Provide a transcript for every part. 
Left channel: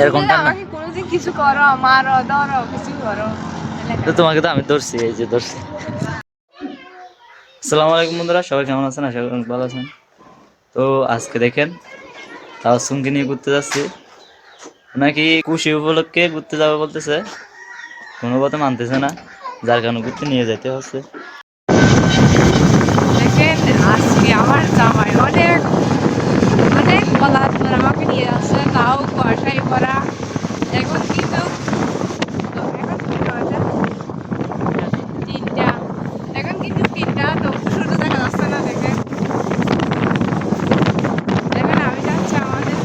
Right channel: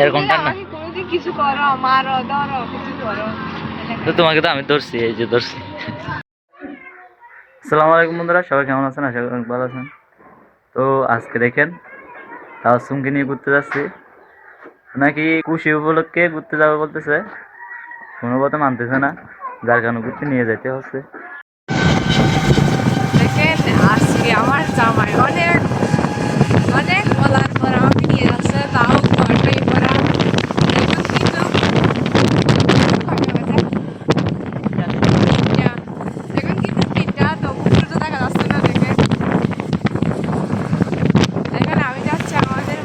এরকম ঠান্ডা আমাকে কোনোদিন কিছু করো, মারো ধরো কিছু করো, তো তোমাকে তো আমি ধরছি, এই যে ধরছি। আসসালামু আলাইকুম বন্ধুরা, সবাই কেমন আছেন? আশা করি অনেক ভালো আছেন। তো আজকে দেখেন তাওয়াসুমকে নিয়ে ঘুরতে যাচ্ছি। নাকি খুশি উপলক্ষে ঘুরতে যাবে বলতেছে, কোনো কথা মানতেছে না, যার কারণে ঘুরতে নিয়ে যেতে হচ্ছে। দেখেন আজকে আমার জামাই অনেক অনেক বলার পর আমাকে নিয়ে যাচ্ছে, তাও ঘরটাই পরা। এখন কিন্তু তিনটা, এখন কিন্তু তিনটা, তো সূর্য দেখা যাচ্ছে না। দেখেন এখন আমি যাচ্ছি আমাদের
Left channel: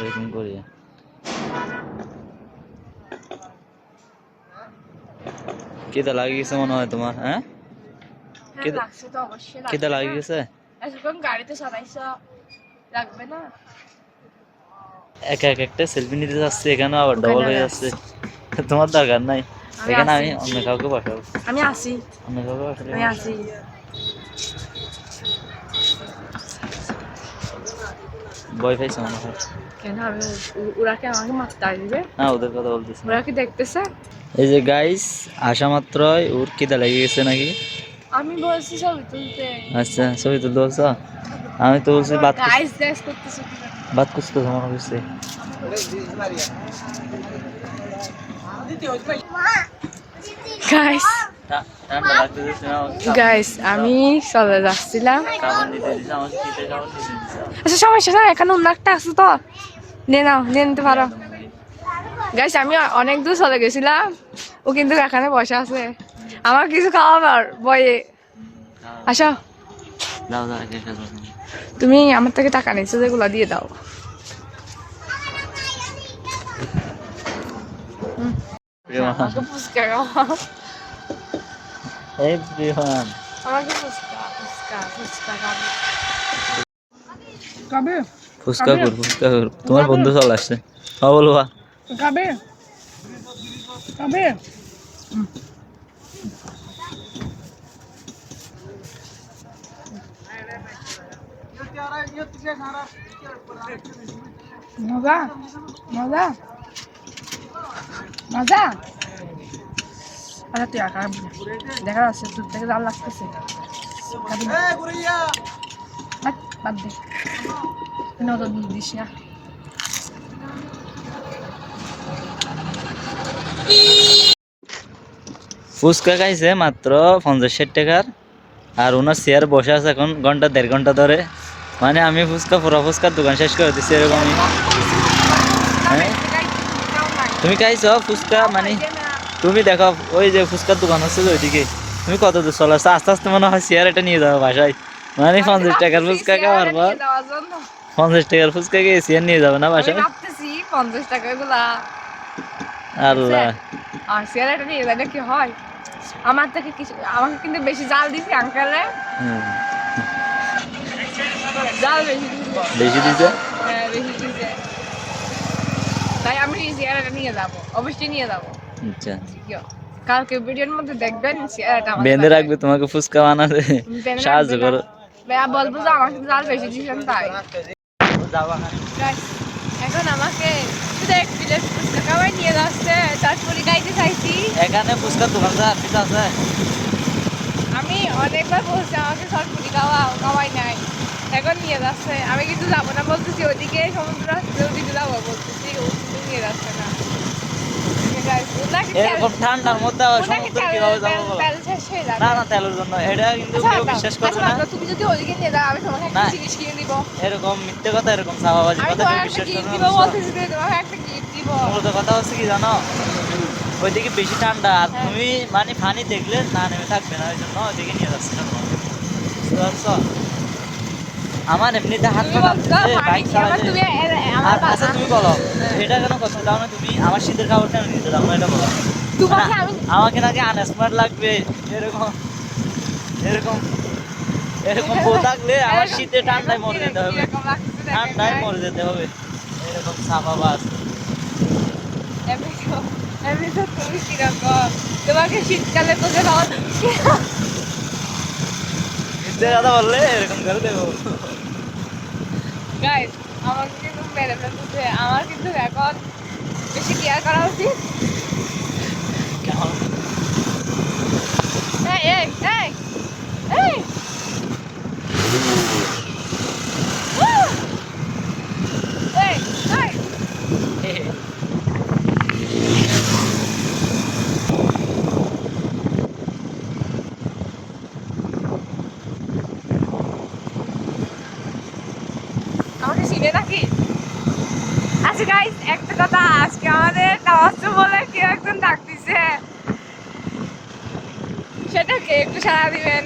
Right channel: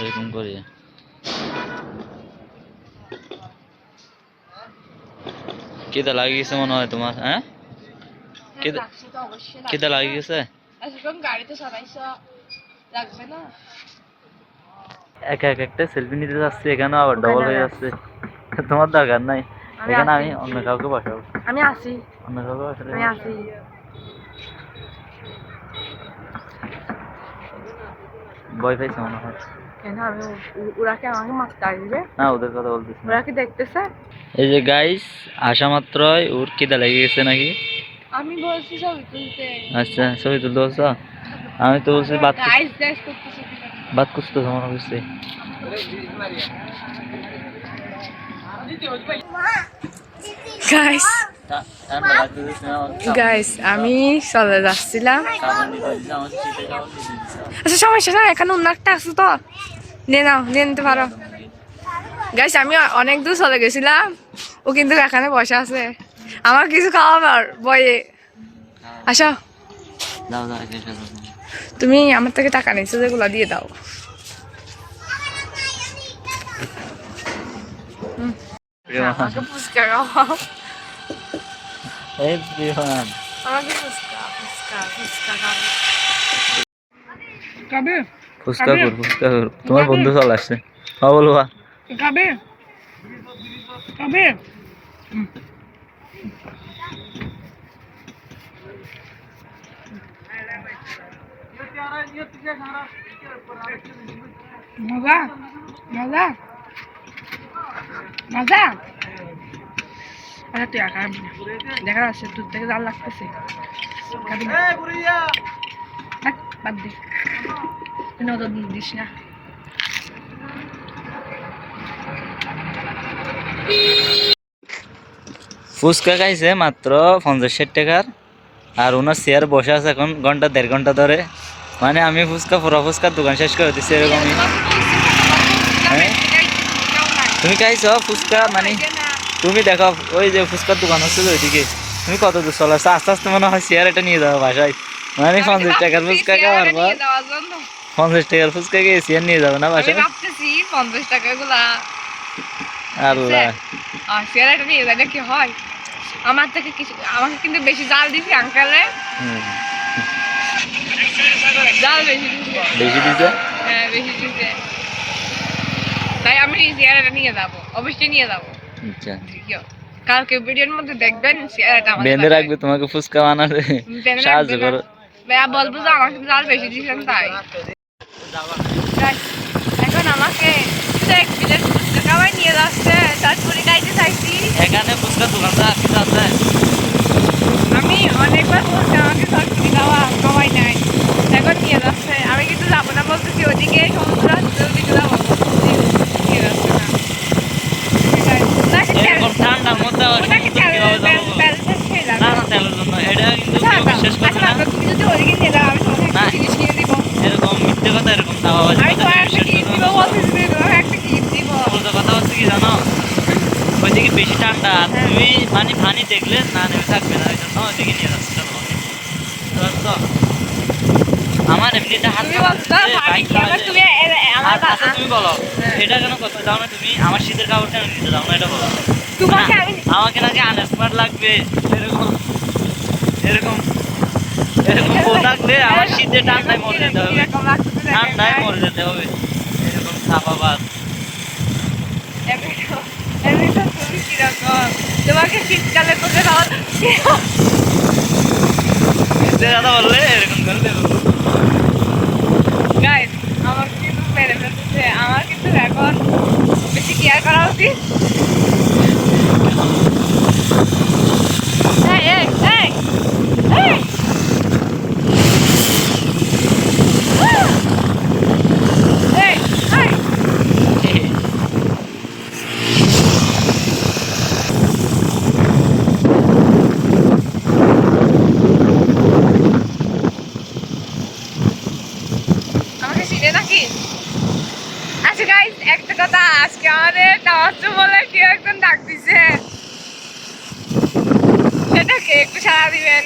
এরকম করি কেদা লাগিয়ে গেছে মনে হয় তোমার? হ্যাঁ, লাগছে তো, অবশ্যই কেদা লাগবে লাগিয়ে না। গেছে? এতক্ষণ গাড়িতে চালাইছ, লাগবে না? একা এক একটা সেলফি নিতে যাচ্ছে, এখানেও আবার ওখানে ডবল আমি হয়ে আছি, যাচ্ছে। তোমার দরকার নাই, আমি এখানে আছি, আমি অন্য কাউকে বসাবো। আমি আছি, অন্য কাউকে বসালে আমি আছি। ভয় পাইছে মনে হয়। কেন ওরা কি আমাকে মারতে আসবে? না, ওদের কথা বলতেছি না। ওরা কি দেখতেছে? এই যে গাইস, আসা মাত্রই ওর খিদা লেগে গেছে নাকি। আমি বলছি ছবি তুলতে, আচ্ছা, ছবি তুলতে বলছো? আমি তো বলছি গাইস গাইস করতেছো কি জন্য? বাত করতে মনে করছি। গাইস ঠান্ডা লাগতেছে না আমাকে? গাইস আমি চলে যাচ্ছিলাম। সাবান নিতে দিছে আমাকে, শীতের সাবান নিতে দিছে। আচ্ছা সমস্যা না, এখানে অন্য একটা আছে তো, নে নাও, নিয়ে নিতে পারো। গাইস আমি অনেক দূর চলে গেছিলাম, ও কিন্তু এখানে বসে আছে আমার কিছু খাওয়াবার বয়ে। আসো, দাও দাও, এসে দাও। তুমি আমার থেকে টাকা নিচ্ছো যেগুলো দিয়ে দাও। আমাকে ফুচকা খাওয়াও, এই প্রিয়ন, আমাকে ফুচকা ফুচকা ফুচকা খাবো। খাবে ফুচকা কর, ফুচকা কর, তোমার বন্ধু চলে আসছে। হ্যাঁ বলবা, খাবে খাবে। মজা মজা মজা। আচ্ছা তুই একা দেখা যাচ্ছে দূর থেকে জাল লাগতেছে, খাবি না? বাদ দে, নজর দিস না। ফুচকা খাইছে মাত্র 50-60 টাকার, আর ওনার চেয়ার বসে আছে এখন ঘন্টা 1.5 ঘন্টা ধরে। মানে আমি ফুচকা, পুরো ফুচকার দোকান শেষ করে দিচ্ছি এরকমই। হ্যাঁ, তুমি খাইছো ফুচকা? মানে তুমি দেখো ওই যে ফুচকার দোকান হচ্ছে যে ওইদিকে, তুমি কত দূর চলে আসছো? আস্তে আস্তে মনে হয় চেয়ার এটা নিয়ে যাবো বাসায়। মানে 50 টাকার ফুচকা খাওয়ার পর, 50 টাকার ফুচকা খেয়ে চেয়ার নিয়ে যাবো না বাসায়? 50 টাকা গুলা আল্লাহ, চেয়ারটা নিয়ে যায় কি হয়? আমার থেকে কিছু, আমাকে কিন্তু বেশি জাল দিছি আঙ্কেলে, জাল বেশি দিছে। বেশি দিছে। হ্যাঁ বেশি দিছে, তাই আমি চেয়ারটা নিয়ে যাবো, অবশ্যই নিয়ে যাবো। আচ্ছা, কালকে ভিডিওর মধ্যে দেখবেন চেয়ারটা আমাদের বেঁধে বাসায়। রাখবে তোমাকে ফুচকা বানাতে, বেঁধে সাহায্য রাখবে না, করো। ভাইয়া বলবো যে আমাকে জাল বেশি দিয়েছেন তাই। Guys, এখন আমাকে শুধু এক প্লেট ফুচকা খাওয়াই নিয়ে যাচ্ছে, তারপরে গাইতে চাইছি। এখানে ফুচকার দোকানটা আছে। আমি অনেকবার বলছি আমাকে সরকারি খাওয়াই নাই, এখন নিয়ে যাচ্ছে। আমি কিন্তু যাবো না বলতেছি, ওদিকে সমুদ্র আসছে, ওদিকে যাবো বলতেছি, নিয়ে যাচ্ছে না। এরকম ঠান্ডার মধ্যে আবার সমুদ্র কিভাবে যাবো বলো? না না, তেলের জন্য এটা কিন্তু কেউ বিশ্বাস করবে না। তুমি যদি ওদিকে নিয়ে যাও আমি তোমাকে একটা না, জিনিস কিনে দিব। এরকম মিথ্যে কথা, এরকম চাপাবাজি আমি কথা তোমাকে কেউ একটা বিশ্বাস গিফট করবে দিব না। বলতেছি, তোমাকে একটা গিফট দিব। মূলত কথা হচ্ছে কি জানো, ওইদিকে বেশি ঠান্ডা, আর হ্যাঁ। তুমি মানে পানি দেখলে না নেমে থাকবে না, ওই জন্য ওইদিকে নিয়ে যাচ্ছে তোমাকে, বুঝতে পারছো? আমার এমনিতে হাত তুমি বলছো না, ভাবি কি আবার তুমি আমার আচ্ছা তুমি বলো এটা কেন করতে দাও না তুমি আমার শীতের কাপড়টা নিতে দাও না এটা বলো তোমাকে আমি আমাকে নাকি আনস্মার্ট লাগবে এরকম এরকম এরকম বউ থাকলে আমার শীতে ঠান্ডায় মরে যেতে হবে কিরকম লাগতেছে দেখেন, ঠান্ডায় guys। মরে যেতে হবে এরকম সাফাবাদ এমনি তো তুমি কিরকম তোমাকে শীতকালে তোকে খাওয়া শীতের কথা বললে এরকম করে দেবো গাইস আমাকে কিন্তু মেরে ফেলতেছে আমার কিন্তু এখন বেশি কেয়ার করা উচিত এই এই এই এই এই এই আমাকে চিনে নাকি আচ্ছা গাইস একটা কথা আজকে আমাদের টাওয়ারচু বলে কেউ একজন ডাক দিছে সেটাকে একটু সাড়া দিবেন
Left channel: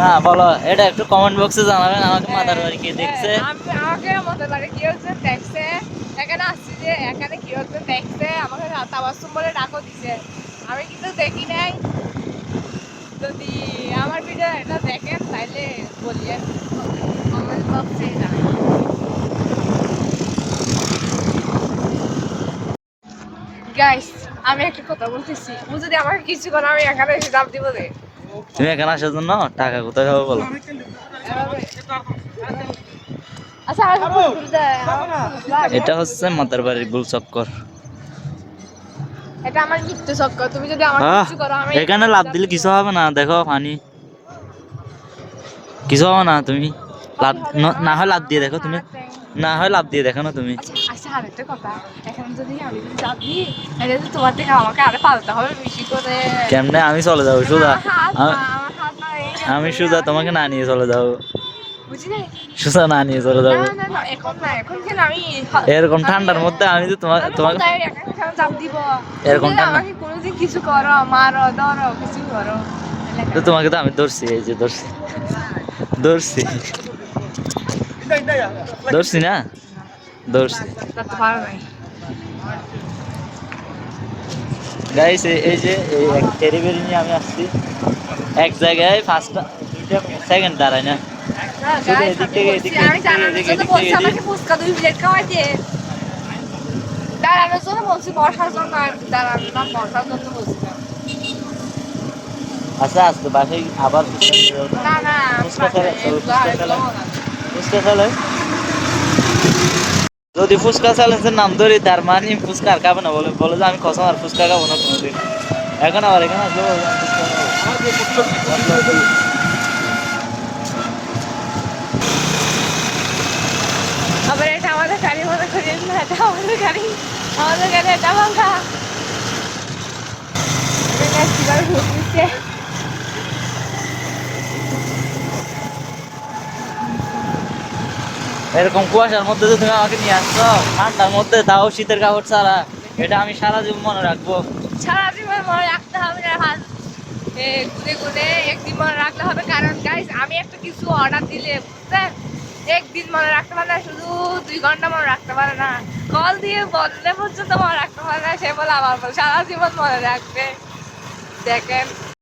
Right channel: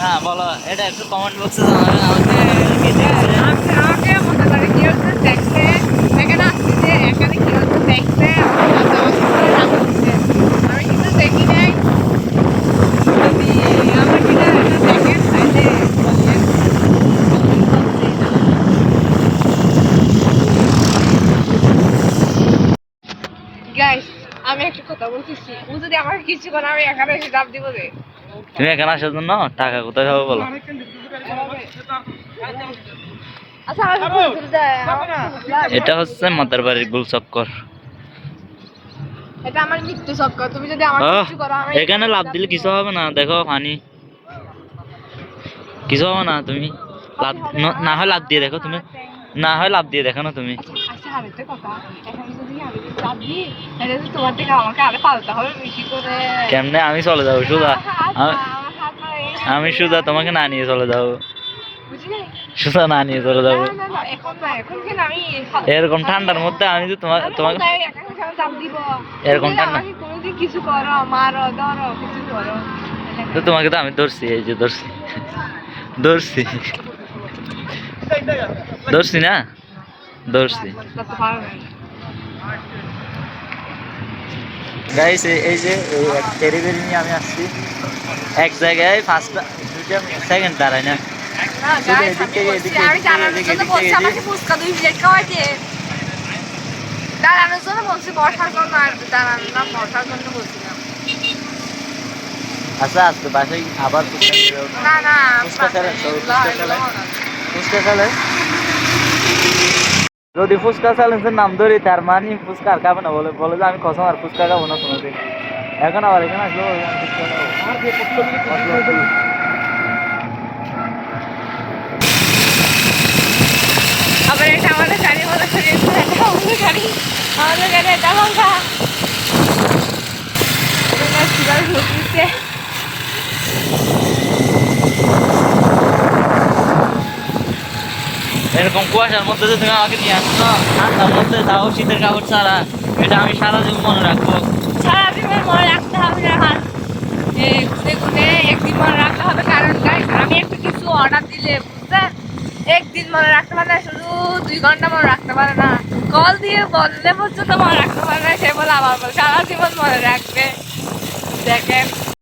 না বলো এটা একটু কমেন্ট বক্সে জানাবেন আমাকে কে দেখছে আমাকে মনে করে কেউ একজন দেখছে এখানে আসছি যে এখানে কেউ একজন দেখছে আমাকে টাওয়ারচু বলে ডাক দিছে আমি কিন্তু দেখি নাই যদি আমার ভিডিও এটা দেখেন তাহলে বলিয়েন কমেন্ট বক্সে জানাবেন গাইস আমি একটা কথা বলতেছি ও যদি আমাকে কিছু করে আমি এখানে এসে চাপ দিব রে তুমি এখানে আসার জন্য টাকা কোথায় হবে বলো এভাবে আচ্ছা আমার ফুল দেয় এটা হচ্ছে মাতার বাড়ির গুল চক্কর এটা আমার মৃত্যু চক্কর তুমি যদি আমার কিছু করো আমি এখানে লাভ দিলে কিছু হবে না দেখো পানি কিছু হবে না তুমি লাভ না হয় লাভ দিয়ে দেখো তুমি না হয় লাভ দিয়ে দেখো না তুমি আচ্ছা আচ্ছা আরেকটা কথা এখন যদি আমি চাপ দিই তাহলে তো তোমার থেকে আমাকে আরো পালতে হবে বেশি করে কেমনে আমি চলে যাবো সুজা আমার হাত না আমি সুজা তোমাকে না নিয়ে চলে যাবো বুঝি নাই সুজা না নিয়ে চলে না যাবো না না এখন না এখন কেন আমি এরকম ঠান্ডার মধ্যে আমি তো তোমাকে তোমাকে চাপ দিব এরকম তুমি ঠান্ডা আমাকে কোনোদিন কিছু করো মারো ধরো কিছু করো তো তোমাকে তো আমি ধরছি এই যে ধরছি ধরছি ধরছি না ধরছি করতে পারো নাই গাইস এই যে এই এক টেরিবেরি নিয়ে আমি আসছি এক জায়গায় 2টা সেকেন্ড দাঁড়ায় না না গাইস আমি জানানোর জন্য বলছি আমাকে ফুচকা 2 প্লেট খাওয়াইতে দাঁড়ানোর জন্য বলছি বসার জন্য আর দাঁড়ানো না বসার জন্য বলছিলাম আচ্ছা আজকে বাসায় আবার ফুচকা নিয়ে যাবো না না ফুচকা খেলে ফুচকা খেলে যদি ফুচকা চ্যালেঞ্জের নাম ধরি তার মানে ফুচকা আর খাবে না বলে বলে যে আমি কসম আর ফুচকা খাবো না কোনোদিন এখন আবার এখানে আসলো বলে আমি ফুচকা খাবো আবার এটা আমাদের গাড়ি মনে করি এটা আমাদের গাড়ি এটা লঙ্কা এরকম কুয়াশার মধ্যে যে তুমি আমাকে নিয়ে আসছো ঠান্ডার মধ্যে তাও শীতের কাপড় ছাড়া এটা আমি সারা জীবন মনে রাখবো সারা জীবন মনে রাখতে হবে না হাত গুনে গুনে একদিন মনে রাখতে হবে কারণ গাইস আমি একটা কিছু অর্ডার দিলে বুঝছেন একদিন মনে রাখতে পারে না শুধু 2 ঘন্টা মনে রাখতে পারে না কল দিয়ে বললে পর্যন্ত মনে রাখতে পারে না সে বলে আবার বলে সারা জীবন মনে রাখবে দেখেন